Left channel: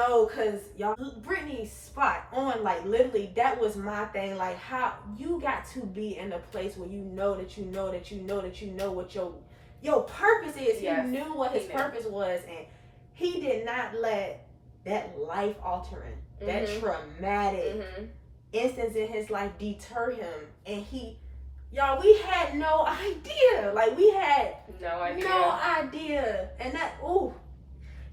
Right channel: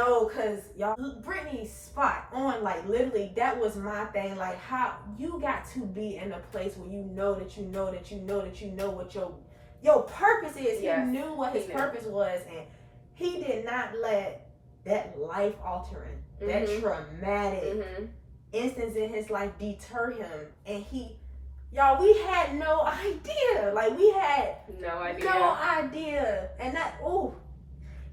know, cause y'all, Brittany spot on, like literally, that was my thing. Like, how you got to be in a place where you know that you know that you know that you know what your purpose is. Yes, he knew what his purpose was, and he did not let that life altering, that traumatic instance in his life deter him. And y'all, we had no idea. Like, we had no idea. And that, ooh.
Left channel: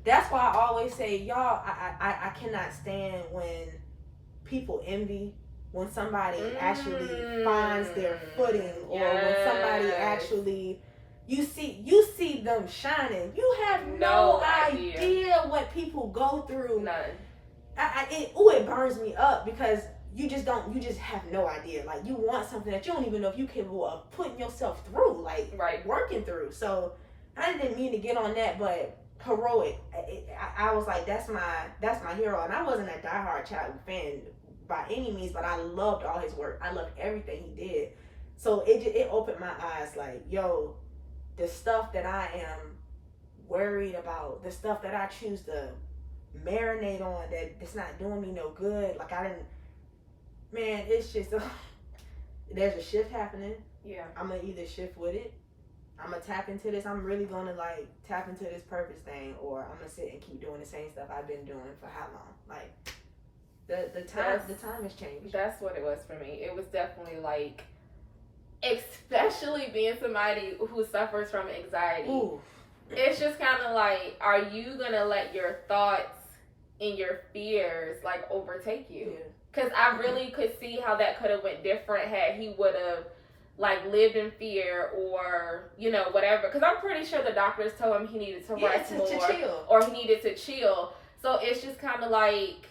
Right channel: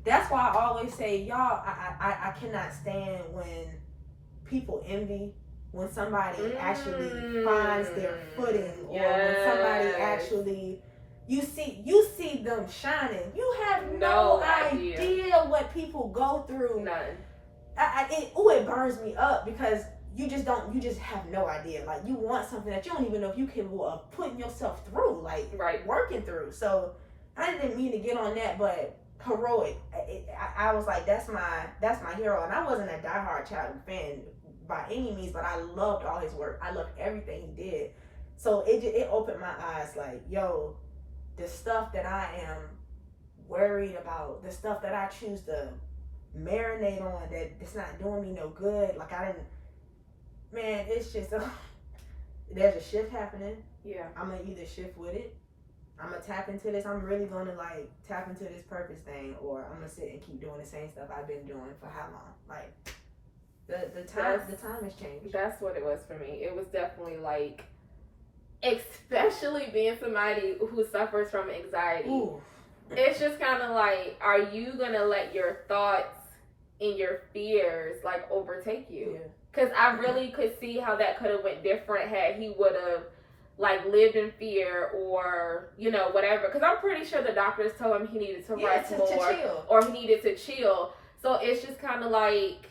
That's why I always say, y'all, I cannot stand when people envy, when somebody actually finds their footing, or when somebody actually, you see them shining. You have no idea what people go through. None. It burns me up, because you just have no idea. Like, you want something that you don't even know if you capable of putting yourself through, like, working through. So I didn't mean to get on that, but heroic. I was like, that's my hero. And I wasn't a diehard Chadwick fan by any means, but I loved all his work. I loved everything he did. So it opened my eyes, like, yo, the stuff that I am worried about, the stuff that I choose to marinate on, that's not doing me no good. Like, man, it's just there's a shift happening. Yeah, I'm gonna either shift with it, I'm gonna tap into this. I'm really gonna like tap into this purpose thing, or I'm gonna sit and keep doing the same stuff I've been doing for how long? Like, the time has changed. That's what it was for me. It was definitely like, especially being somebody who suffers from anxiety. Ooh. It's just kind of like, are you gonna let your thoughts and your fears like overtake you? Yeah. Because I really could see how that could have went different had he would have like lived in fear, or whatever. Because I'm pretty sure the doctors told him he needed to rest more, to chill. or he needed to chill. So it's just kind of like,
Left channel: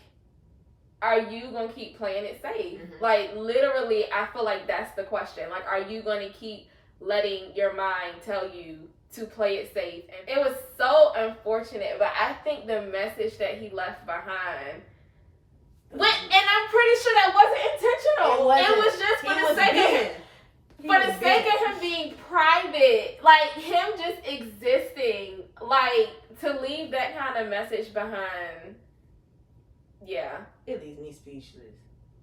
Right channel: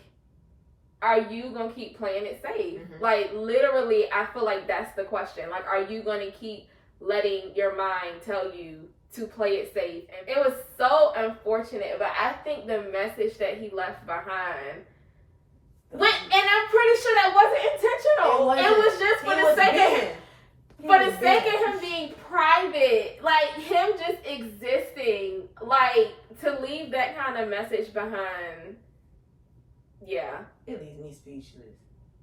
are you gonna keep playing it safe? Like, literally, I feel like that's the question. Like, are you gonna keep letting your mind tell you to play it safe? And it was so unfortunate, but I think the message that he left behind, and I'm pretty sure that wasn't intentional. It was just for the sake of him being private, like him just existing, like to leave that kind of message behind. Yeah, it leaves me speechless.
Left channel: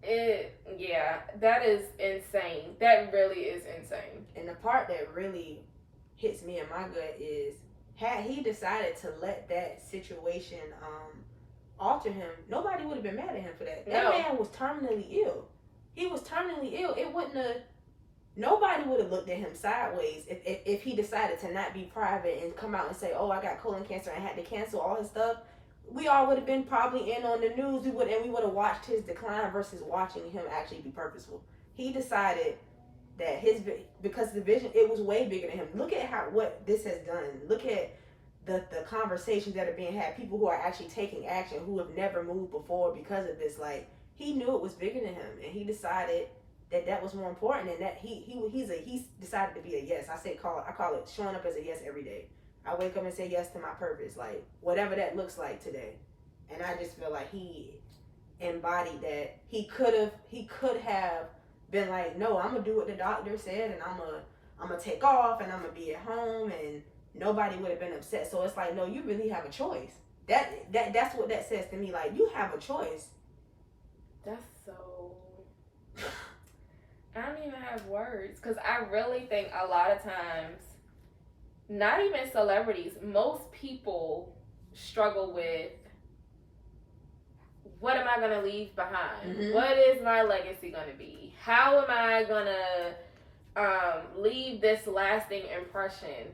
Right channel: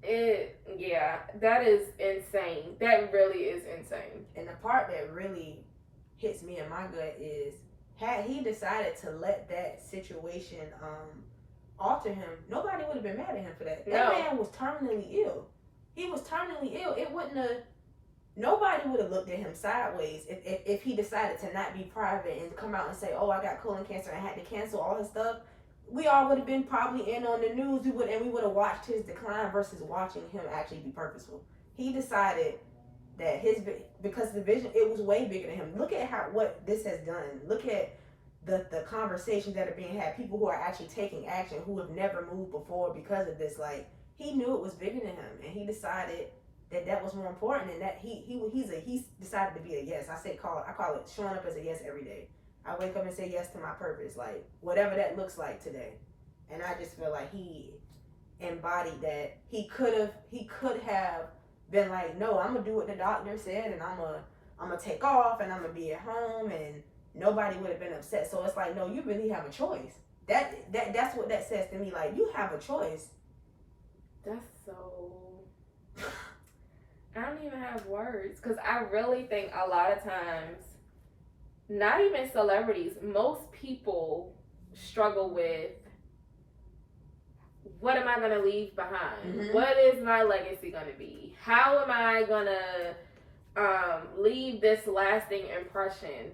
That is insane. That really is insane. And the part that really hits me in my gut is, had he decided to let that situation alter him, nobody would have been mad at him for that. That man was terminally ill. He was terminally ill. It wouldn't have. Nobody would have looked at him sideways if he decided to not be private and come out and say, "Oh, I got colon cancer and had to cancel all his stuff." We all would have been probably in on the news. We would have watched his decline versus watching him actually be purposeful. He decided that because the vision, it was way bigger than him. Look at what this has done. Look at the conversations that are being had. People who are actually taking action, who have never moved before because of this. Like, he knew it was bigger than him, and he decided that was more important, and that he decided to be a yes. I call it showing up as a yes every day. I wake up and say yes to my purpose, like whatever that looks like today. And I just feel like he embodied that. He could have been like, no, I'm gonna do what the doctor said, and I'm gonna take off, and I'm gonna be at home, and nobody would have been upset. So it's like, no, you really have a choice. That's what that says to me. Like, you have a choice. That's so. I don't even have words, because I really think a lot of times, not even celebrities, most people struggle with, what am I going to leave behind? What is my legacy going to be? How am I going to leave this lasting impression?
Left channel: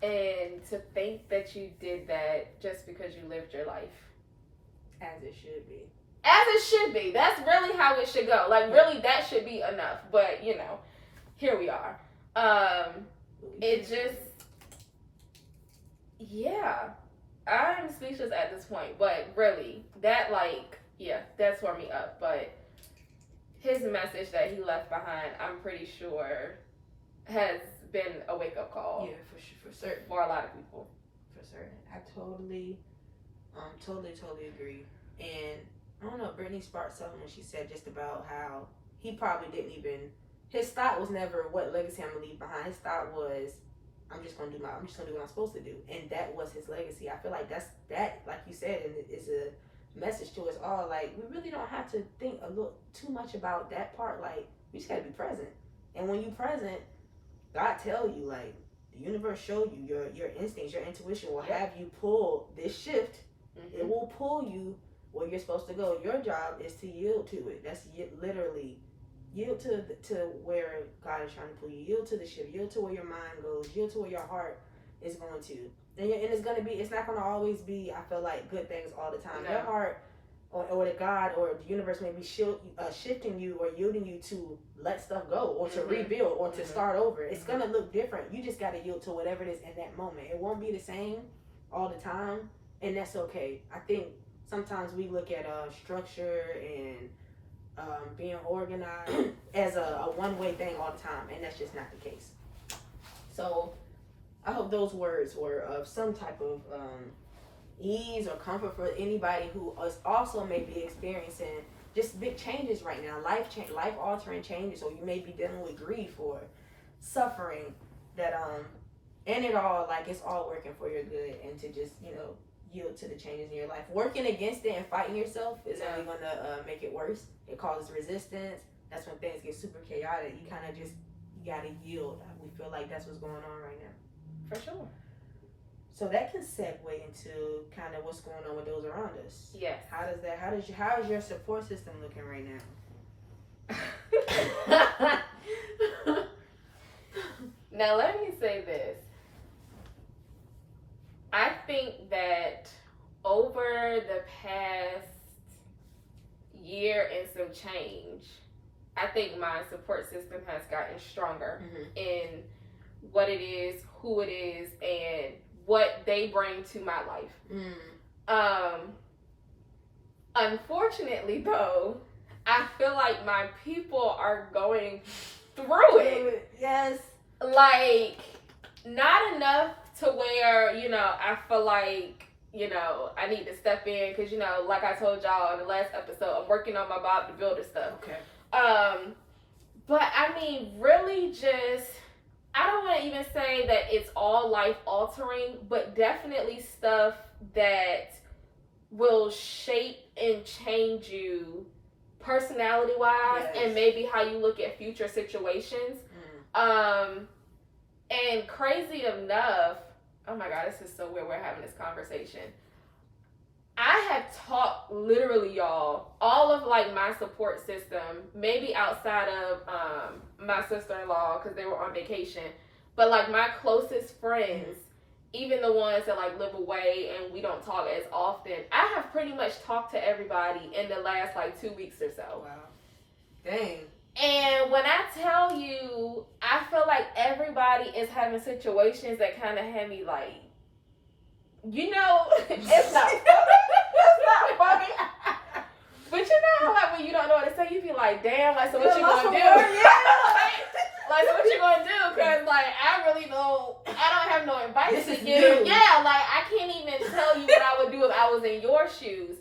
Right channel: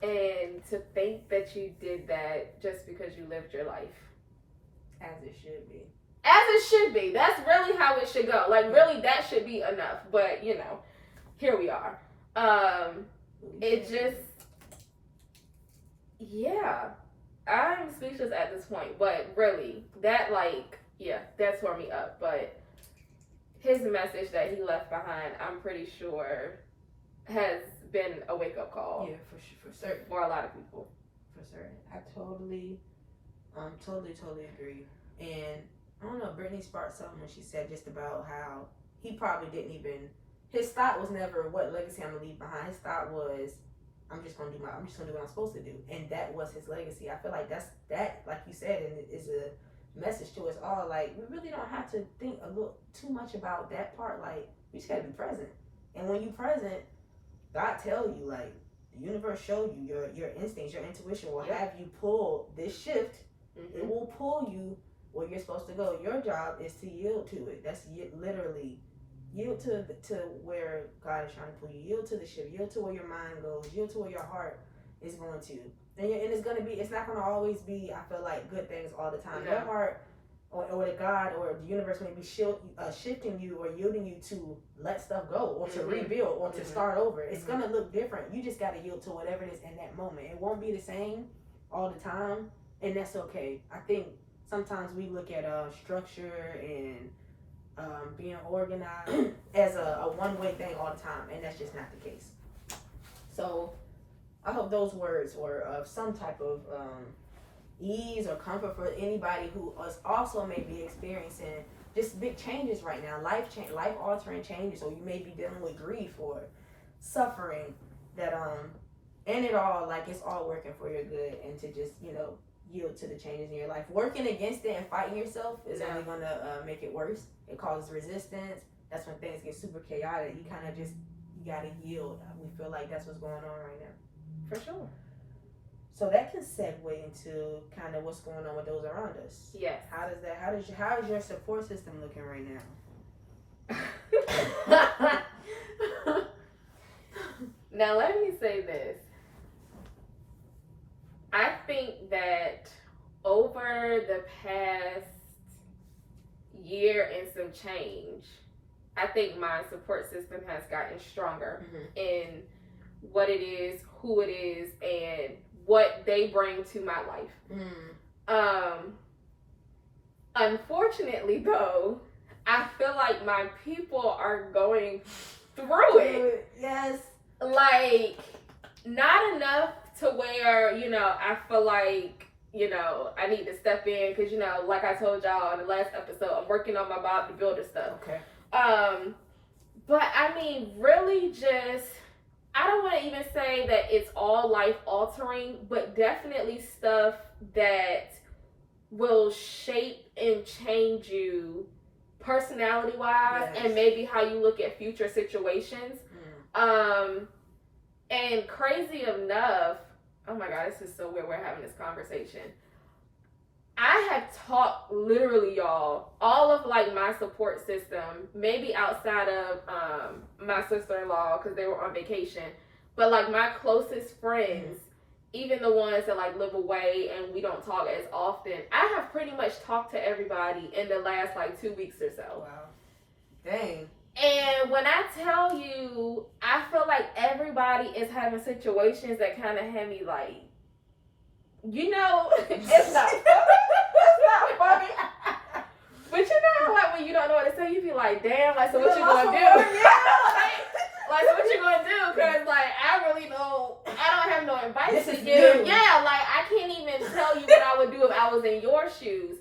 And to think that you did that just because you lived your life. As it should be. As it should be. That's really how it should go. Like, really, that should be enough. But, here we are. It just, I'm speechless at this point. But really, that, that tore me up. But his message that he left behind, I'm pretty sure, has been a wake-up call. Yeah, for certain. For a lot of people. For certain. I totally agree. And I don't know, Brittany sparked something when she said just about how he probably didn't even, his thought was never what legacy I'm gonna leave behind. His thought was, I'm just gonna do what I'm supposed to do, and that was his legacy. I feel like that, like you said, and it is a message to us all. Like, we really don't have to think a little too much about that part. Like, we just gotta be present, and when you present, God tell you, like, the universe show you, your instincts, your intuition will have you pull this shift. It will pull you where you're supposed to go. Your job is to yield to it. That's literally yield to where God is trying to pull you. Yield to the shift. Yield to where your mind goes. Yield to where your heart is going to. And it's gonna be. It's not gonna always be, I feel like, good things all the time. No. Your heart, or the God or the universe may be shifting you or yielding you to let stuff go or to rebuild or to start over. It's gonna look different. You just gotta yield to whatever it is in that moment. It won't be the same all the time, and that's okay. I think sometimes we look at structure and being organized as a one-way thing all the time, and that's just not the case. So I hope those words were of some type of ease or comfort for anybody who is also may be experiencing just big changes right now, life-altering changes, or you may be dealing with grief or suffering. That and it all, like, it's all working for your good, and to just, you know, yield to the changes in your life. Working against it and fighting yourself is only going to make it worse. It causes resistance. That's when things get super chaotic. You kind of just, you got to yield. We feel like that's what's going on right now. For sure. So that can segue into kind of what's going on with those around us. Yes. How is your support system looking right now? Now let me say this. I think that over the past year and some change, I think my support system has gotten stronger in what it is, who it is, and what they bring to my life. Unfortunately, though, I feel like my people are going through it. Yes. Like, not enough to where, you know, I feel like, you know, I need to step in because, you know, like I told y'all in the last episode, I'm working on my Bob the Builder stuff. Okay. But I mean, really just, I don't want to even say that it's all life altering, but definitely stuff that will shape and change you personality wise, and maybe how you look at future situations. And crazy enough, oh my God, this is so weird we're having this conversation. I have talked, literally, y'all, all of like my support system, maybe outside of my sister-in-law because they were on vacation, but like my closest friends, even the ones that like live away and we don't talk as often, I have pretty much talked to everybody in the last like 2 weeks or so. Wow. Dang. And when I tell you, I feel like everybody is having situations that kind of have me like, you know, it's not funny. But you know how, like, when you don't know what to say, you be like, damn, like, so what you gonna do? Like, so what you gonna do? Because, like, I really don't, I don't have no advice to give. Yeah, like, I can't even tell you what I would do if I was in your shoes.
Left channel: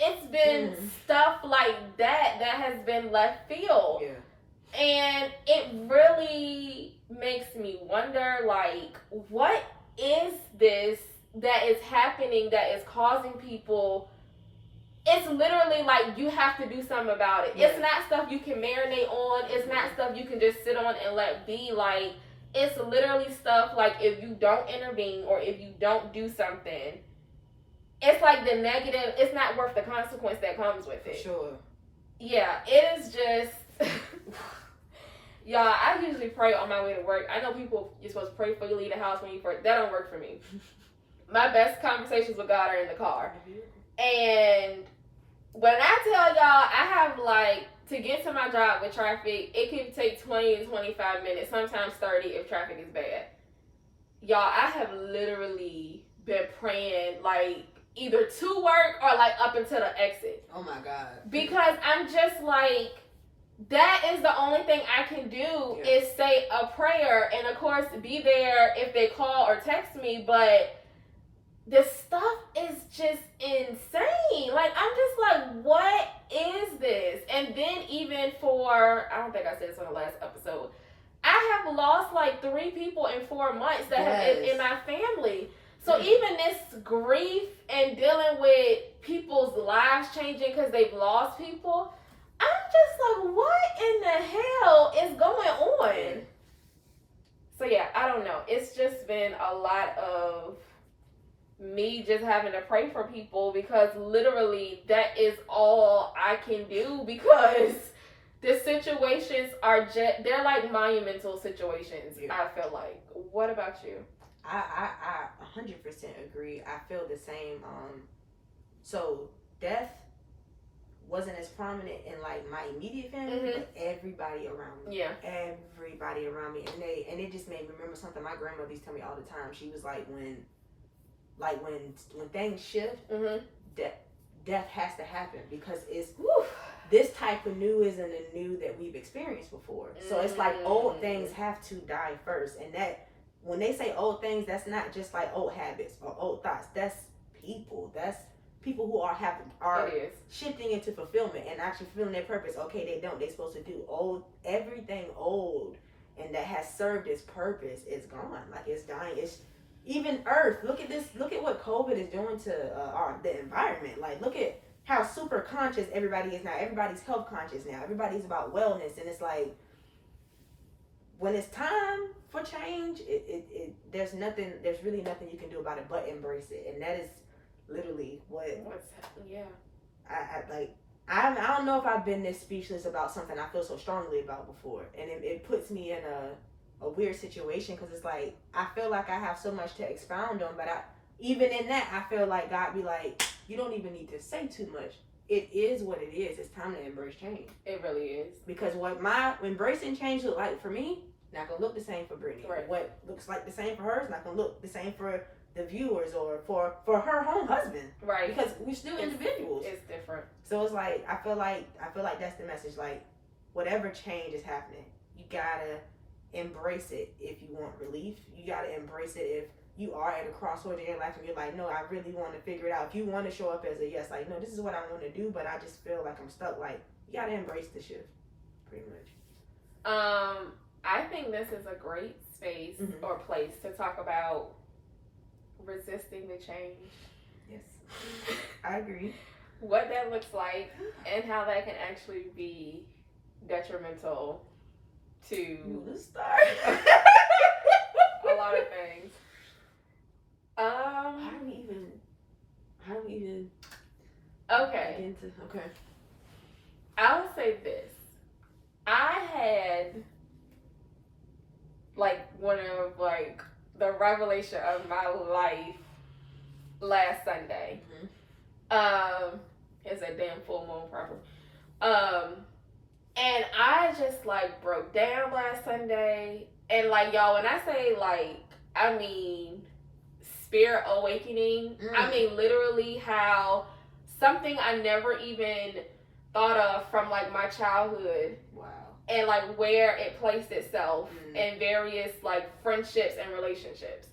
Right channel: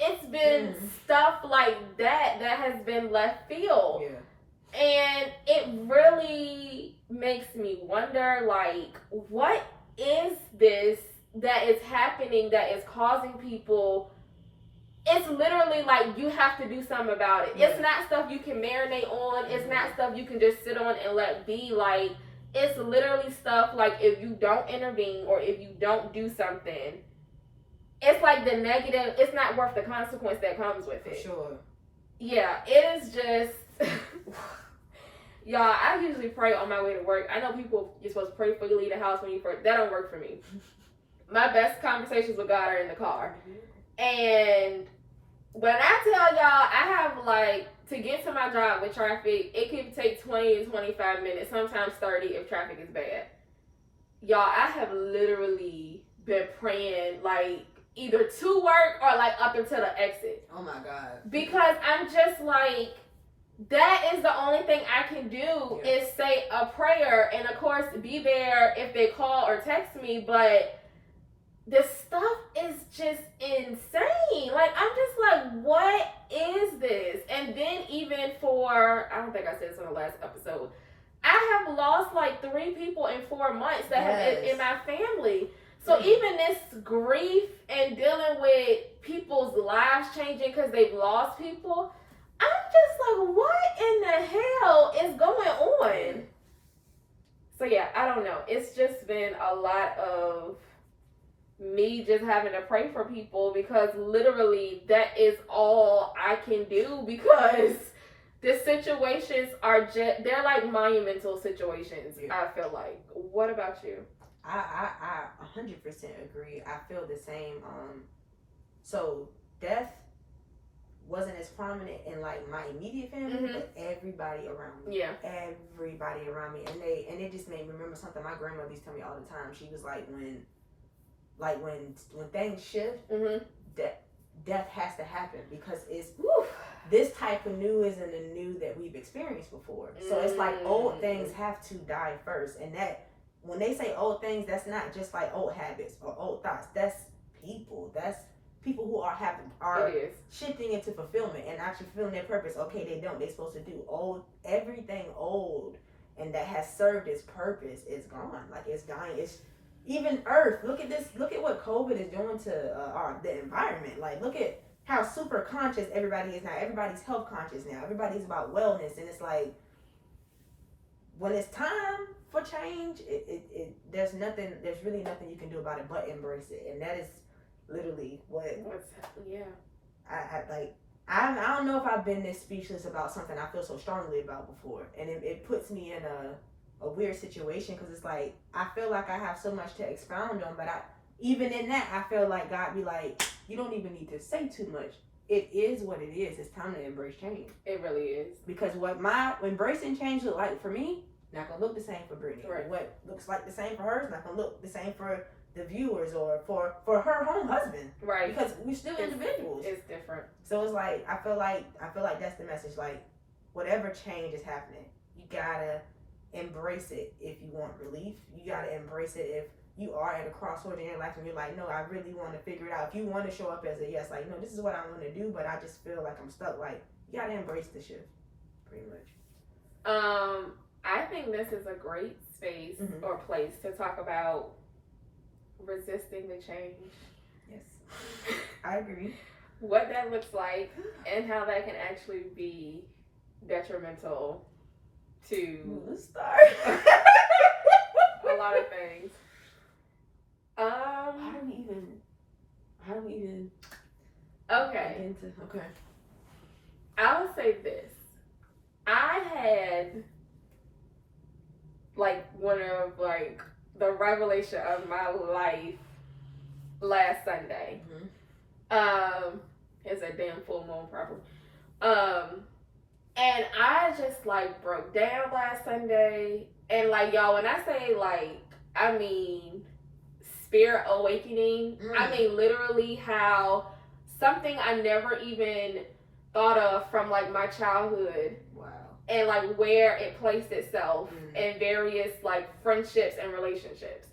It's been stuff like that has been left field. Yeah. And it really makes me wonder, like, what is this that is happening that is causing people? It's literally like you have to do something about it. It's not stuff you can marinate on. It's not stuff you can just sit on and let be. Like, it's literally stuff like if you don't intervene or if you don't do something, it's like the negative, it's not worth the consequence that comes with it. For sure. Yeah, it is just, y'all, I usually pray on my way to work. I know people, you're supposed to pray before you leave the house when you first, that don't work for me. My best conversations with God are in the car. And when I tell y'all, I have like, to get to my job with traffic, it can take 20 to 25 minutes, sometimes 30 if traffic is bad. Y'all, I have literally been praying like, either to work or like up into the exit. Oh my God. Because I'm just like, that is the only thing I can do is say a prayer, and of course be there if they call or text me, but the stuff is just insane. Like, I'm just like, what is this? And then even for, I don't think I said this on the last episode, I have lost like 3 people in 4 months that have in my family. So Mm. even this grief and dealing with people's lives changing because they've lost people, I'm just like, what in the hell is going on? So yeah, I don't know. It's just been a lot of me just having to pray for people, because literally that is all I can do, because the situations are just, they're like monumental situations. Yeah. I feel like. What about you? I 100% agree. I feel the same. So death wasn't as prominent in like my immediate family, but everybody around me. Yeah. Everybody around me, and it just made me remember something my grandmother used to tell me all the time. She was like, when things shift, death has to happen, because it's this type of new isn't a new that we've experienced before. So it's like old things have to die first, and that when they say old things, that's not just like old habits or old thoughts. That's people. That's people who are shifting into fulfillment and actually fulfilling their purpose. Okay, they're supposed to do everything old and that has served its purpose is gone. Like, it's dying. It's even Earth. Look at this. Look at what COVID is doing to the environment. Like, look at how super conscious everybody is now. Everybody's health conscious now. Everybody's about wellness, and it's like, when it's time for change, there's really nothing you can do about it but embrace it. And that is literally I don't know if I've been this speechless about something I feel so strongly about before, and it puts me in a weird situation, because it's like I feel like I have so much to expound on, but even in that I feel like God be like, you don't even need to say too much. It is what it is. It's time to embrace change. It really is. Because what my embracing change look like for me, not gonna look the same for Brittany. Right. What looks like the same for her is not gonna look the same for the viewers or for her home husband. Right. Because we're still individuals. It's different. So it's like I feel like that's the message. Like, whatever change is happening, you gotta embrace it. If you want relief, you gotta embrace it. If you are at a crossroad in your life and you're like, no, I really want to figure it out. If you want to show up as a yes, like, no, this is what I want to do, but I just feel like I'm stuck. Like, you gotta embrace the shift, pretty much. I think this is a great space or place to talk about resisting the change. Yes, I agree. What that looks like and how that can actually be detrimental to a lot of things. How do we even okay. Okay. I would say this. I had like one of like the revelation of my life last Sunday. It's a damn full moon probably. And I just like broke down last Sunday, and like, y'all, when I say like, I mean spirit awakening, I mean literally how something I never even thought of from like my childhood. Wow. And like where it placed itself in various like friendships and relationships.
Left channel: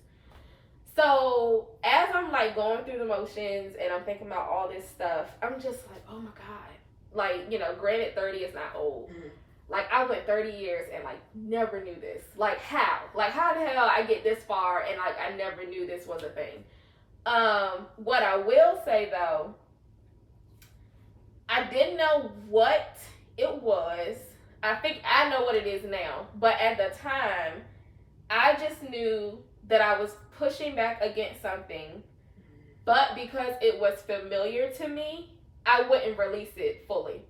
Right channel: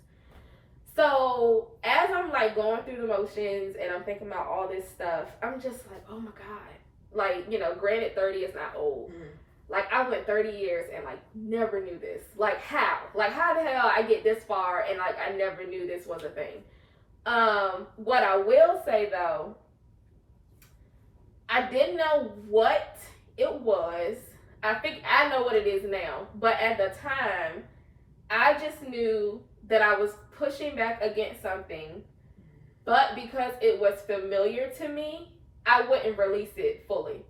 So as I'm like going through the motions and I'm thinking about all this stuff, I'm just like, oh my God. Like, you know, granted 30 is not old. Like, I went 30 years and like never knew this. Like, how? Like, how the hell I get this far and like I never knew this was a thing. What I will say though, I didn't know what it was. I think I know what it is now, but at the time, I just knew that I was pushing back against something, but because it was familiar to me, I wouldn't release it fully.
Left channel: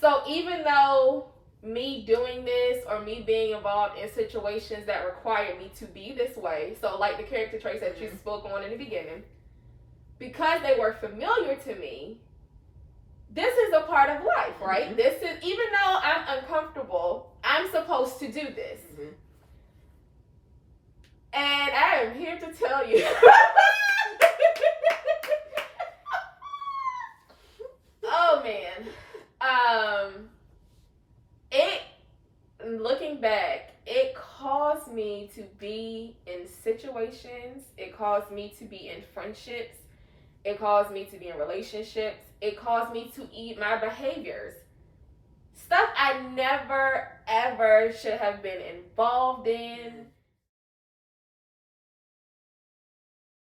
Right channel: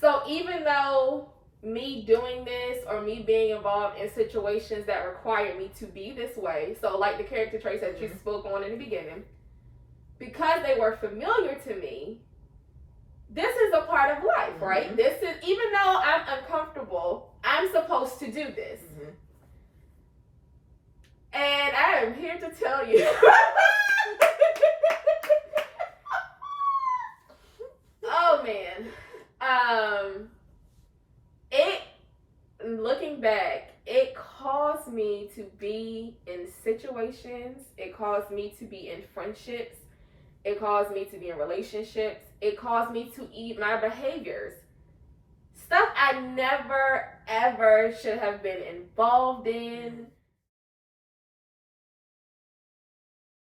So even though me doing this or me being involved in situations that require me to be this way, so like the character traits that you spoke on in the beginning, because they were familiar to me, this is a part of life, right? This is, even though I'm uncomfortable, I'm supposed to do this. And I am here to tell you. Oh man. Looking back, it caused me to be in situations, it caused me to be in friendships, it caused me to be in relationships, it caused me to eat my behaviors stuff I never ever should have been involved in.